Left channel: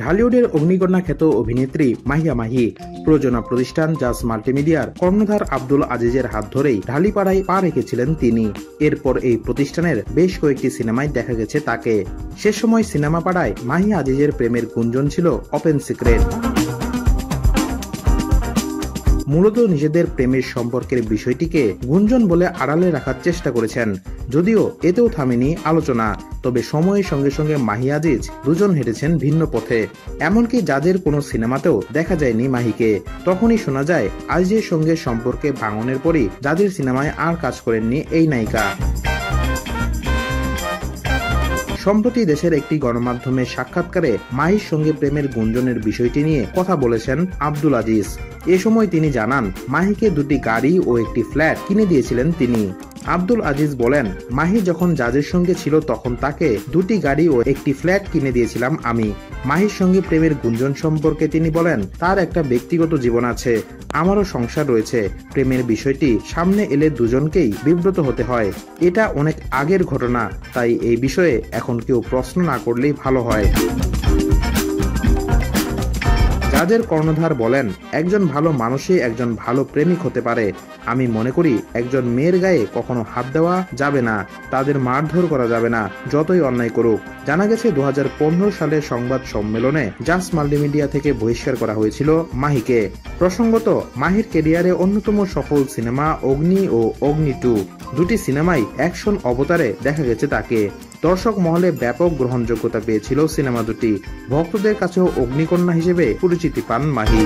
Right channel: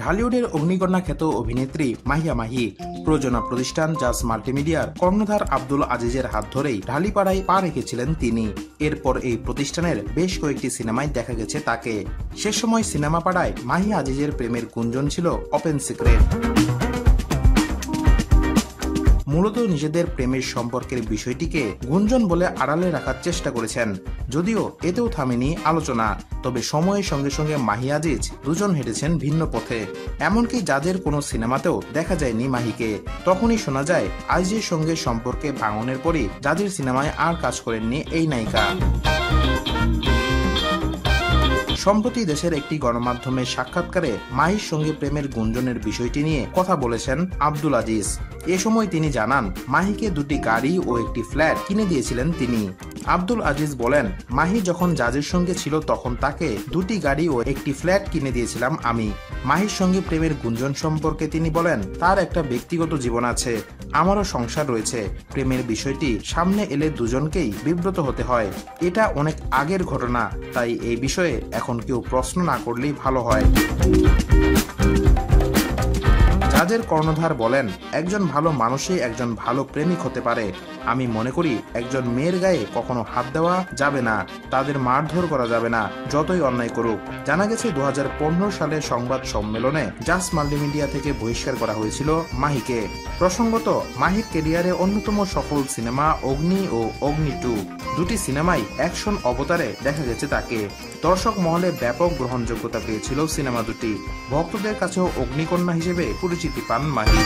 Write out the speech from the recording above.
ঢালিউডের অগ্নিকন্যা খ্যাত অভিনেত্রী মাহিয়া মাহি প্রযোজনা প্রতিষ্ঠান জাজ মাল্টিমিডিয়ার কর্ণধার আব্দুল আজিজের হাত ধরেই ঢালিপাড়ায় পা রেখেছিলেন তিনি। এরপর এই প্রতিষ্ঠানের বেশ কয়েকটি সিনেমায় দেখা গেছে তাকে। সে সময় সিনেমা পাড়ায় মাহি আজিজের প্রেমের গুঞ্জন ছিল ওপেন সিক্রেট। মূলত নিজেদের প্রেমের সম্পর্কের বিষয়টিকে গুঞ্জন বলে আড়ালে রাখার চেষ্টা করেছেন, যদিও এতেও থামেনি আলোচনা। তবে সময়ের সঙ্গে সঙ্গে মাহি আজিজ দুজন হেঁটেছেন ভিন্ন পথে। এমনকি জাজের কোনো সিনেমাতেও দেখা যায়নি মাহিকে। তখনই শোনা যায় আজিজের সঙ্গে সম্পর্কে ভাঙনের পরই জাজের সিনেমায় আর কাজ করেননি এই নায়িকা। সম্প্রতি দেশের একটি গণমাধ্যমের সাক্ষাৎকারে মাহির সঙ্গে প্রেমের গুঞ্জনের বিষয়টি নিয়ে কথা বলেছেন আব্দুল আজিজ। এ সময় তিনি জানান, মাহিকে দুটি গাড়ি ও একটি ফ্ল্যাট কিনে দিয়েছিলেন তিনি। আব্দুল আজিজ বলেন, মাহি যখন জাজের সঙ্গে ছিল তখন তাকে দুটি গাড়ি ও একটি ফ্ল্যাট কিনে দিয়েছিলাম আমি। মাহির সঙ্গে প্রেমের গুঞ্জন সম্পর্কে তিনি বলেন, তার একটা ব্যক্তিগত জীবন আছে, আমারও সংসার রয়েছে। প্রেমের বিষয়টি সামনে এলে দুজনকেই বিব্রত হতে হয়। এটা অনেক আগের ঘটনা, তাই এই বিষয়ে এখন কেউ প্রশ্ন না করলেই ভালো হয়। জাজের কর্ণধার বলেন, একজন ভালো মানুষই একজন ভালো প্রেমিক হতে পারে। আমি মনে করি একজন মেয়ের গায়ে কখনো হাত দেওয়া যাবে না, তাদের মারধর করা যাবে না, যতই অন্যায় করুক। জানা গেছে 2015 সালের সংবাদ সম্মেলনে জাজ মাল্টিমিডিয়া থেকে বহিষ্কার করা হয়েছিল মাহিকে। প্রসঙ্গত, মাহির ক্যারিয়ারে অন্যতম সফল সিনেমা অগ্নি ও অগ্নি 2 দুটি সিনেমাই অ্যাকশন অবতারে দেখা গেছে তাকে। দর্শক মহলে ব্যাপক গ্রহণযোগ্যতা পেয়েছিল সিনেমা দুটি। ভক্তদের কাছেও অগ্নিকন্যা হিসেবে পরিচিতি পান মাহি।